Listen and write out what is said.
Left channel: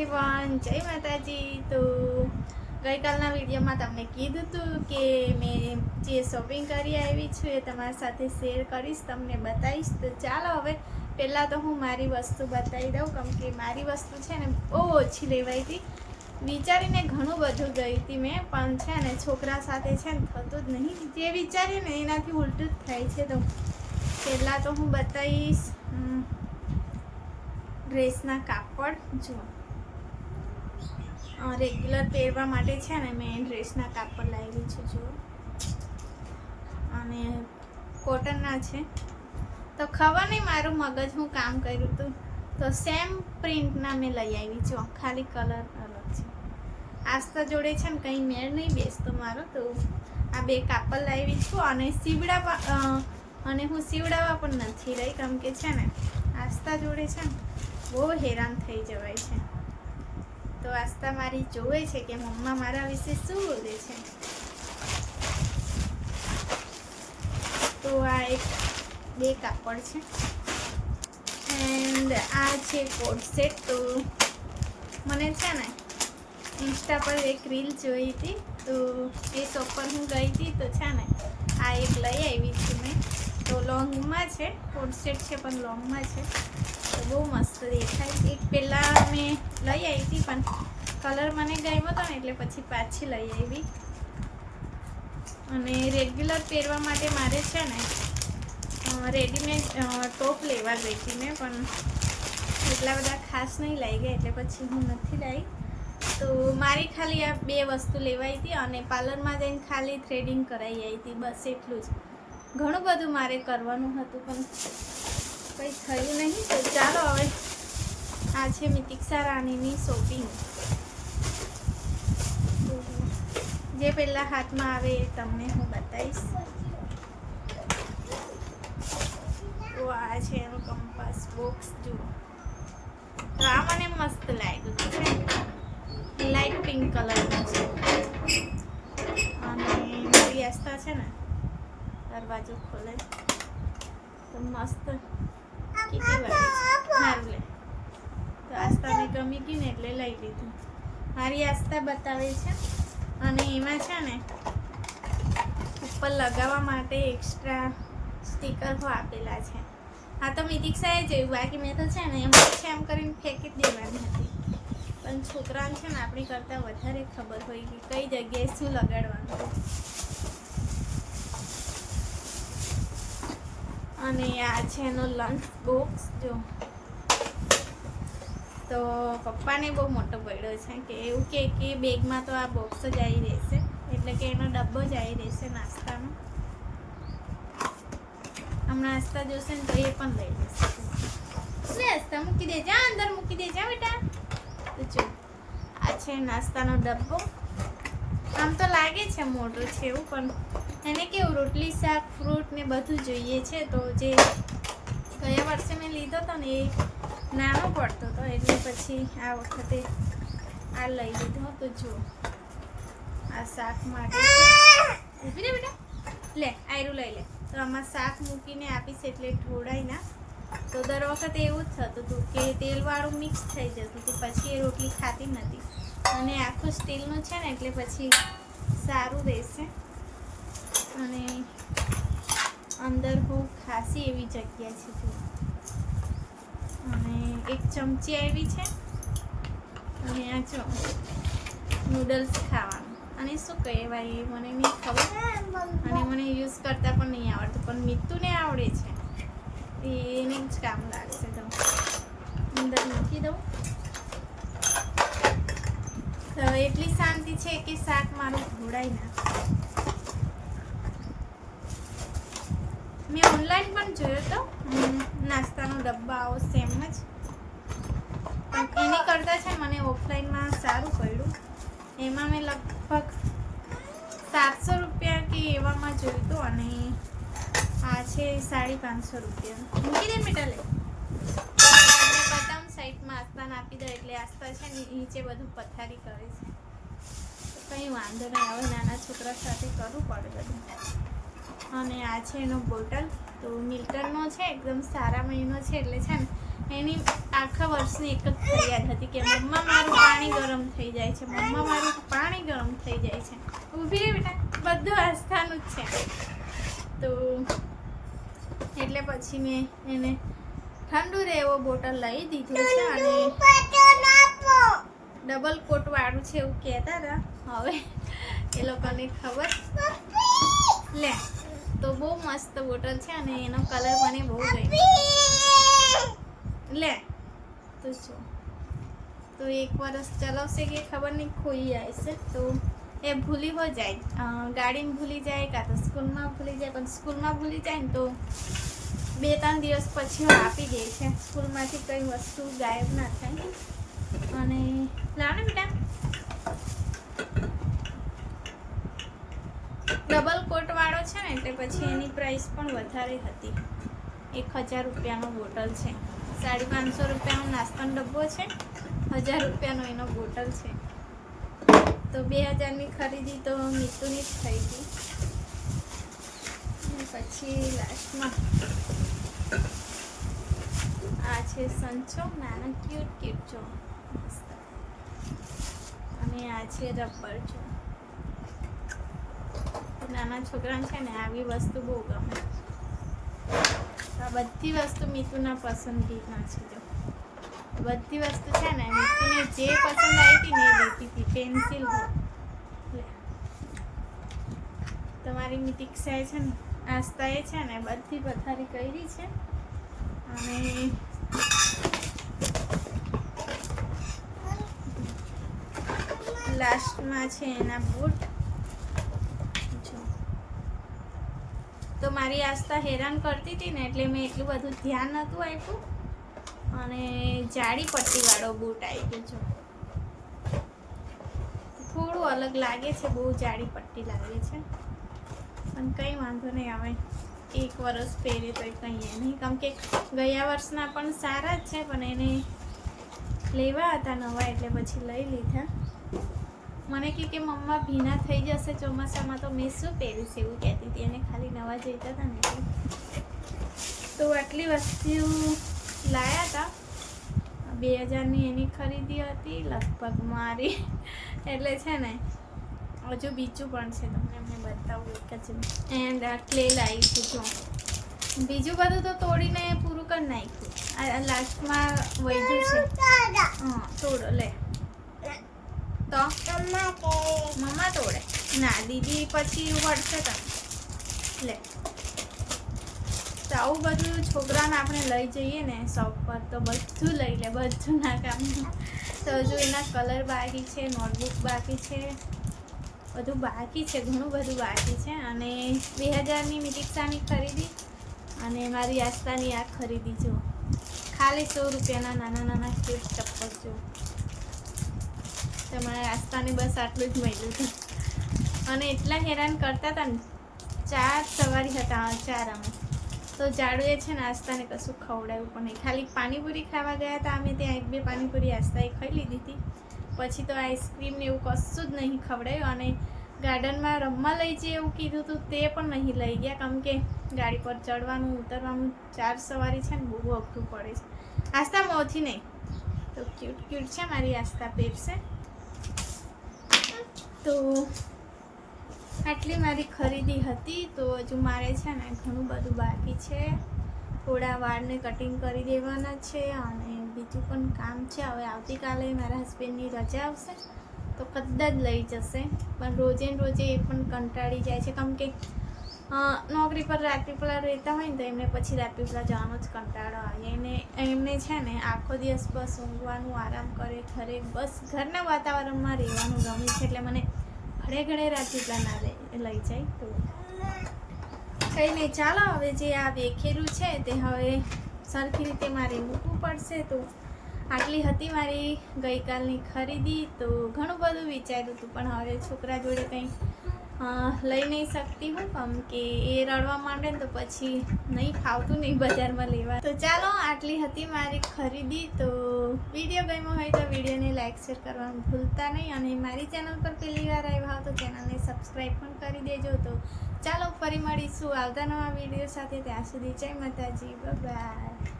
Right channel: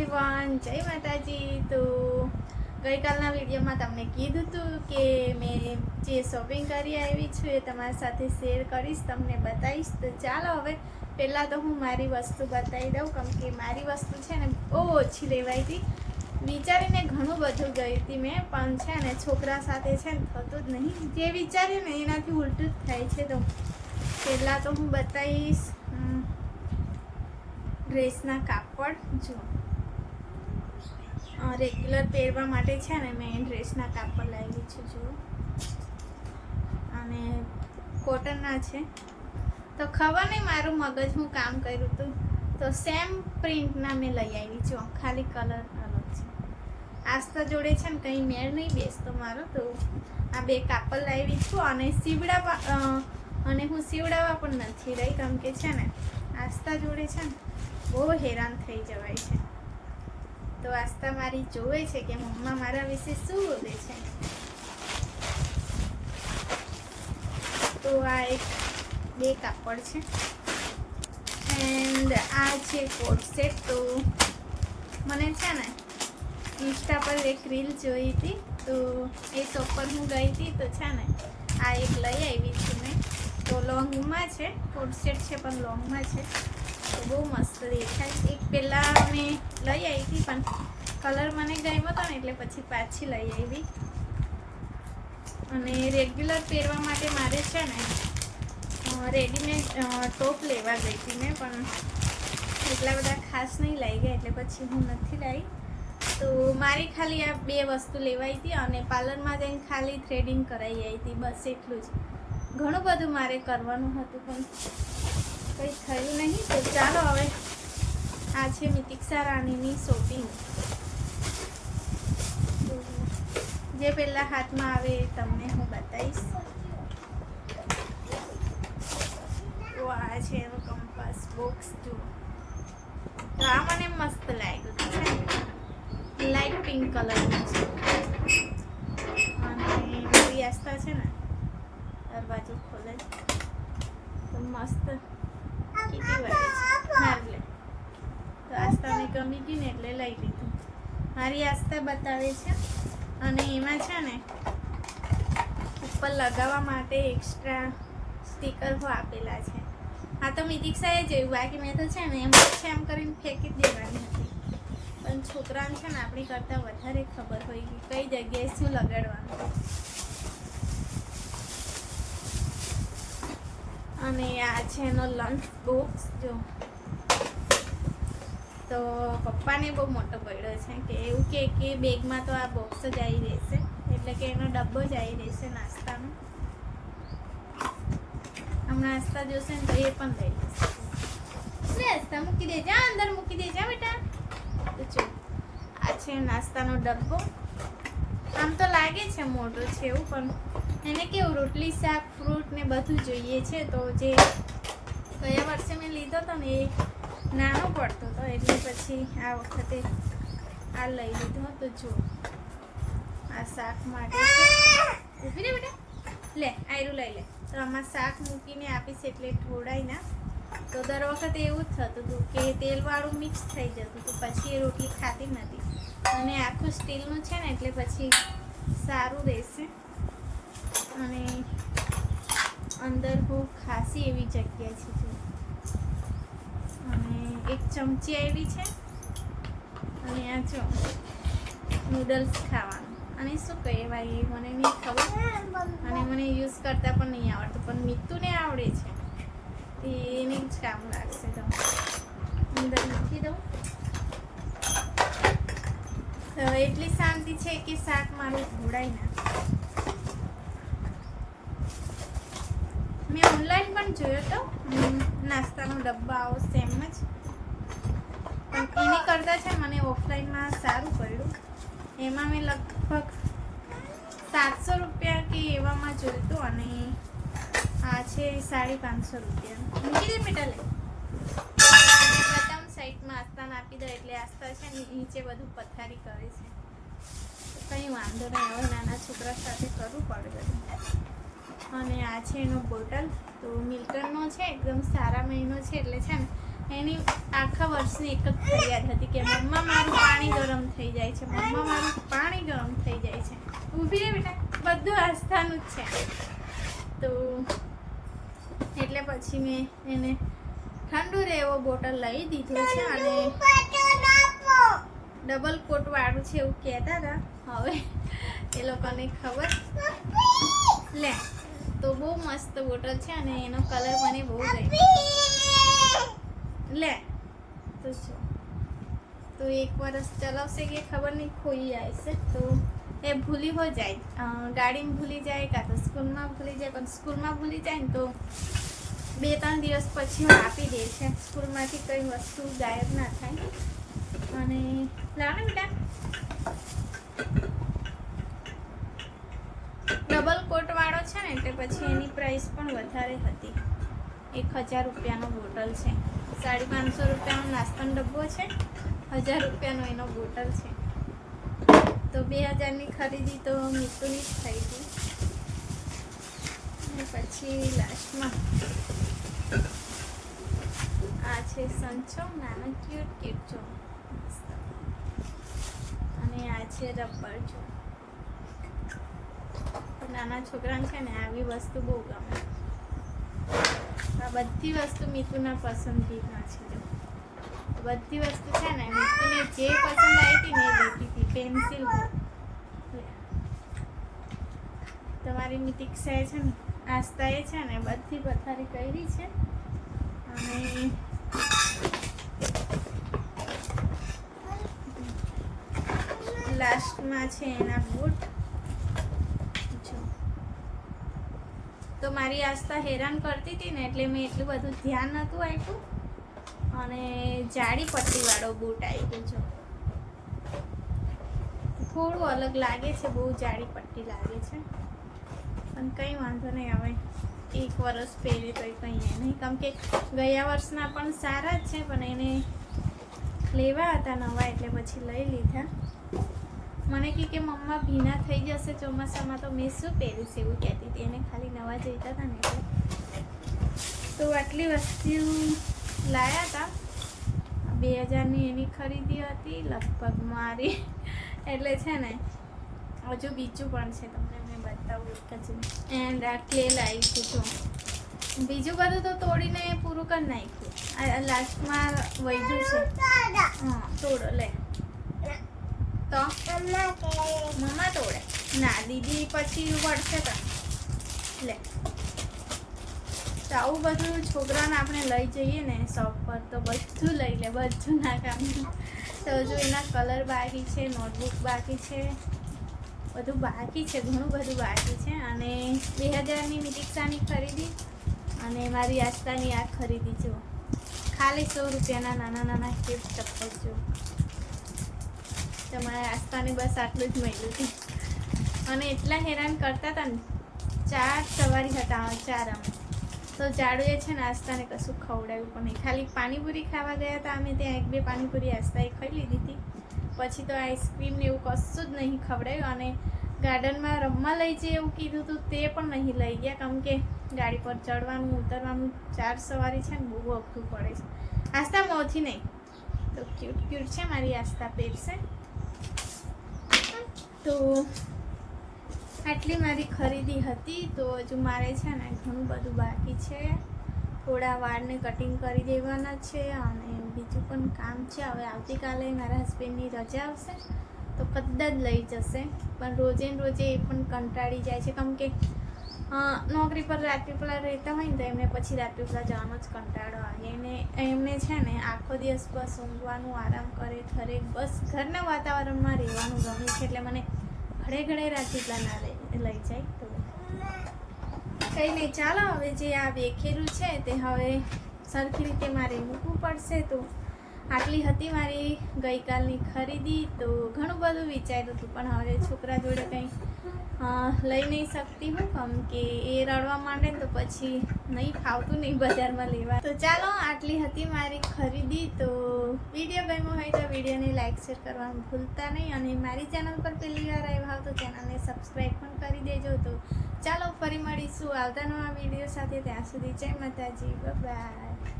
Everyone જય માતાજી. તો ગઈકાલના વિડીયોમાં તમને કીધું હતું કે મેં જે શોપિંગ કરી આવી છું એ તમારી સાથે શેર કરીશ, તમને બતાવીશ. તો ચાલો હવે પહેલાં તો હું મારી વસ્તુ બતાવી દઉં. કેમ કે મારી વસ્તુ છે ને બહુ ઓછી લેવાઈ હતી. વિચારીને ઘણું બધું ગઈ હતી મેં, પણ છે ને છોકરા સાથે છે ને થતું જ નહીં. જે વિચાર્યું ને એનાથી ઉલટું જ થાય છે. તો પહેલાં તો હું બતાવીશ ડ્રેસના કાપડ. જો રેગ્યુલર પહેરવા માટે છે ને મેં ડ્રેસના કાપડ લાવેલી છું જો અને કોટનના છે. તો ખબર નહીં મારું મગજ હું કામ કર્યું હતું તો સેમ પ્રિન્ટના મેં લઈ આવી છું. ખાલી કલર અલગ છે. આસ્તા જોડે છે ને કંઈ મેળ નહીં બેસતો મારો. તો આ બે કાપડ લાવી છું અને સીવડા અને હું સીવડાવવા પણ નથી રહી. કેમ કે છે ને આસ્તા જોડે છે ને બહુ હેરાન થઈ જવાય છે. તો આસ્તા મારી જોવે છે કે મમ્મા મારા વિશે શું બોલે છે. તો આ એક બે કાપડ છે. એન્ડ આ છે કોટ સેટ. તો મને છે ને ઇન્સ્ટા પર એક રીલ જોઈ હતી. તો એ શોપ પર હું ગઈ હતી તો છે ને આ એક લઈ આવી છું મેં. તો લોંગમાં છે, કોટ છે પણ લોંગમાં છે. બહુ મસ્ત દેખાય. એક પહેલાં મેં લઈ આવી હતી, પણ કલર મને ગમ્યો હતો ને એટલે પછી પાછી લઈ આવી અને રેગ્યુલર પહેરવા માટે મારે છે ને રેડીમેડ ટોપ લેવા ગઈ હતી મેં, પણ એટલા બધા ખાસ નહીં લઈ ગયા, એટલે પછી હું નથી લાવી તો મારી ખાલી આ બે વસ્તુ લેવાઈ હતી અને પાર્લરમાં જઈને ખાલી થ્રેડિંગ કરાવી આવી હતી, બસ એટલું જ. ઘણું બધું મારે કરવાનું હતું, પણ કંઈ થયું નહીં, તો ચાલો હવે આ છે મિતિક્ષા રાણીની શોપિંગ જે પહેલાં હાથમાં આવે એ તમને હું બતાવીશ. તો આ છે એવો કંપાસ બોક્સ જુઓ. તો આ મને મસ્ત લાગ્યું છે. લાઇટ પિંક કલરનું છે. અને મારી આસ્થા છે ને, દરવાજો ખોલે. તો મસ્ત હારું લે તો આસ્થાને ગમી ગયું ને એટલે લઈ લીધું. મારી આસ્થા બતાવે છે. અને એમાં છે ને, ઉપર લગાવવા માટે એક્સ્ટ્રા સ્ટીકર આપેલા છે. હા, તો મિતિક્ષાએ જોયું બાકી મેં તો છે ને, એમ છે એમ કરીને ફેંકી જ દેવાની હતી. પણ છોકરાને છે ને, આપણી કરતાં વધારે ખબર હોય કે કઈ જગ્યાએ શું લગાડવાનું. અને આ છે એનો લંચ બોક્સ જો. તો પપ્પાને બહુ મોટો પડ્યો છે કે એવું કે કે બેગમાં તો આ બોક્સ જ આવી રહેશે, એટલે કે એનો ડબ્બો જ આવી રહેશે નાસ્તાનો. હમણાં નાસ્તા જોશે ને તો એ પણ લઈ લેશે નાસ્તા મૂકી દેજા અંદર મૂકી દેજા બેટા. આ છે નાસ્તાનો ડબ્બો. આમ તો લાગે છે મોટો છે એવું, પણ એને કેવું રોટલી શાક ફ્રૂટ ને બધું જોઈએ છે તો જે ગયા વર્ષે મેં લીધો હતો ને એ નાનો પડતો હતો એટલે પછી આ વખતે આ લઈ લીધો તો જો. આ શાક માટે ઊભી રે બેટા. લે આયરું લઈ લે. તો આમાં શાક મૂકીને આપીશ એટલે ઢોળાય ના. તો દર વખતે એવું જ થતું હતું કે તેલવાળું મિક્સ થઈ જતું હતું પછી એ રોટલી ખાતી નથી અને આખું સ્ટીલનું છે ને એટલે પછી સારું રહેશે. અને અંદર બહુ ખાસી એવી જગ્યા છે. અને એક ચમચી આવી છે. અને આ જો નૂડલ્સ ખાવાનું. અને શું કહેવાય એ મને નહીં ખબર. અને મને યુઝ કરતાં પણ નહીં આવડતું, પણ મીતુને આવડે છે. એને જ કામ લાગશે તો. અંદર મૂકી દઉં. તો એટલી શાંતિ છે કે શાક મારું ઘોડાઈ ના મેં ઓનલાઈન પણ જોયો તો? નાસ્તાનો ડબ્બા આવો સેમ જ. પણ એની કરતાં છે મને ઓફલાઈનમાં સારું પડ્યું. એમાં મેં લગભગ સાતસો રૂપિયા કે એવામાં હતું અને આ છે સાડી પાંચસો રૂપિયા. મૂકી દે બેટા લે. બટન સાઈડમાં આસ્થાન આપી દે એટલે આસ્તા છે નીચે બધું પથારી કરે છે. કંઈ વાંધો નહીં. હવે નાના છોકરા સાથે કરવું પડે બધું. અને આ છે એનો બોટલ. તો મિલ્ટનનો છે, એકદમ સારા મહિનો છે, એટલે છે ને, એની આખા વર્ષની એક જ ફરિયાદ હતી કે મમ્મા, મારું પાણી ગરમ થઈ જાય છે, મમ્મા, મારું પાણી ગરમ થઈ જાય છે. ઊભી રહી બેટા, બધું આસ્થાનું જ છે. તો એટલે પછી મેં એને ઠંડુ રહે એવો બોટલ લઈ દીધો છે અને ડબલ કોટ વાળું છે એવું કહેતા હતા. હવે એ લોકોને ખબર. લે. તો બહુ મસ્ત બોટલ છે અને એનો કલર મને બહુ ગમ્યો લે, તો છો તો એક વરસ ચલાવશે કે ખબર નહીં, ખોઈ આવશે. તો એ ભૂલી હો જાય. ગાડીમાં ભૂલી જાય કાં તો સ્કૂલમાં ભૂલી જાય, પણ સ્કૂલમાં ભૂલી જાય ને તો બે ત્રણ દિવસ પછી હું આપી દે છે. સ્કૂલમાંથી કઈ વસ્તુ ગાયબ ના થાય. અને લાવ ને બેટા ડબલ કોટ વાળો છે ને, એટલે પછી એની પ્રાઇસ પણ વધારે હતી. એક હજાર રૂપિયાનો બોટલ છે. સાડી પાંચસો રૂપિયાનો નાસ્તાનો ડબ્બો છે. હજાર રૂપિયાનો એનો બોટલ છે. તો બે હજારની ખરીદી તો મૃત્યુની જ થઈ હતી. પછી લાસ્ટમાં આ છે સંચો, નાનો ક્યુટ ક્યુટ અને આ છે રબર જો. નાના છોકરાને છે ને આવી વસ્તુ બહુ ગમે. આ બધી વસ્તુ મીતુના પસંદગીના છે બધી વસ્તુ છે ને મીતુને જે પસંદ આવી હતી ને એ લેતી હતી, પેન્સિલ તમારી મિતિક્ષાએ છે ને આસ્તાએ છે ને બધી પથારી કરી છે. અને લાસ્ટમાં છે એના બૂટ જો તો મારી આસ્થા હેરાન કરતી હતી ને એટલે મેં એટલું બધું ધ્યાન નહોતું આપ્યું અને જાડી પટ્ટીવાળો બૂટ આવી ગયો છે. થોડું અલગ લાગે છે, બહુ જાડી પટ્ટી લાગે છે. પણ કંઈ વાંધો નહીં આવે એક વર્ષ પહેરે તો કંઈ નહીં. કેમ કે ગયા વર્ષના પણ સારા જ છે, પણ એને લેવા હતા નવા એટલે પછી લઈ લીધા. મને કે મમ્મા ભીના થઈ જશે ચોમાસામાં તો મેં શું પહેરીશ એવું કહેતી હતી. એને ખાલી નવા જોઈતા હતા ને તો આટલી વસ્તુ લાયા હતા બે હજારની એની ખરીદી હતી, લગભગ મારી. એટલે છે ને, હજુ બીજું પણ છે તમને મેં બતાવું એક જ એન્ડ આ ક્લે લાવી છું જો. બીજું બધું તો તોડીને પૂરું કરી નાખ્યું. લાસ્ટમાં વૈધું છે. હા, તોડો, લે. તો મમ્મા તોડે. ના, દીદી પછી વળશે તો. લે. તો આવું બધું છોકરાને આપણે લઈ જઈએ ને શોપ પર તો બધું લઈ લે, બધું ના કામ. તો હજુ એના કલર બાકી છે, નોટબુક બાકી છે, બધું બાકી છે, ઘણું બધું બાકી છે. અને બે હજારની મિતિક્ષાની ખરીદી અને મારી આસ્થાની આ ખરીદી જો ખાલી સો રૂપિયાના નાના નાના કેક ચપ્પલ જો તમારા આસ્તાને બસ આટલું જ મળ્યું હતું અને એટલા હેરાન કરતા હતા ને, ચાર સવારી હતા ચાર અમે. તો જાડુએ છે ને આસ્તાને કશું ખવડાવ્યું પણ નહીં. ખાલી પાણીપુરી ખાવા ગયા હતા અમે, ત્યાં એક બે પાણીપુરી આસ્તાએ ખાઈ લીધી હતી. પછી તો આઈસ્ક્રીમ ને એવું કશું જ નહીં ખવડાવ્યું અને ગાર્ડનમાં રમવા લઈ જઈએ એવું કીધું હતું તે પણ નહીં લઈ ગયા. કેમ કે ગાડી પર ચડવાનું, ઉતરવાનું, ચાર સવારી છે ને બહુ અઘરું પડે છે. આસ્તા મોથી નહીં. તો ક્યુટ ક્યુટ છે મારી આસ્તા પહેરશે તો આટલી મારી ખરીદી હતી તો હજુ મારે છે ને ઘણું બધું બાકી છે. થોડા વાળને કટિંગ કરી દેવાના છે અને બીજું પણ કામ છે. હવે આવતીકાલે મારા હસબન્ડની રજા આવશે. તો કદાચ લઈ જશે. પણ રોજે ને રોજે એ પણ કંટાળી જાય છે. કેમ કે નોકરી પર રાત્રિપલા રહેતા હોય ને તો એમને પછી રાત્રિપલા જવાનો જ કંટાળો આવે. એમને એમને છે ને આખો દિવસ બસ ઊંઘવાનું, આરામ કરે, ઘરે બસ ઘરના વાતાવરણમાં રહેવાનું ગમે છે એટલે મને ઘરે ઘરે રાત્રિપલા ના લઈ જાય તો. કંઈ નહીં, ચાલો હવે જે આ વેખેલું છે તે હવે સરખી રીતે મારે મૂકવું પડશે તો આટલી હતી મારી ગઈકાલની ખરીદી તો ઘણું બધું વિચાર્યું હતું, પણ હવે છોકરા જોડે કંઈ લઈ નહીં શકતી હું. કેમ કે એ રડવા માંડે ને તો પછી નહીં, ફાવતું નહીં બજારમાં લેવા. તો ચાલો, આટલી હતી મારી ખરીદી. તો વીડિયો ગમ્યો હોય તો વિડીયોને લાઇક શેર કરવાનું ભૂલતા નહીં. અને મારી ચેનલ પર પહેલી વાર આવ્યા હો તો ચેનલને સબસ્ક્રાઈબ પણ કરી દેજો. તો ચાલો, ફરી મળીશું આવતા નવા વીડિયો સાથે. ત્યાં સુધી જય માતાજી. બાય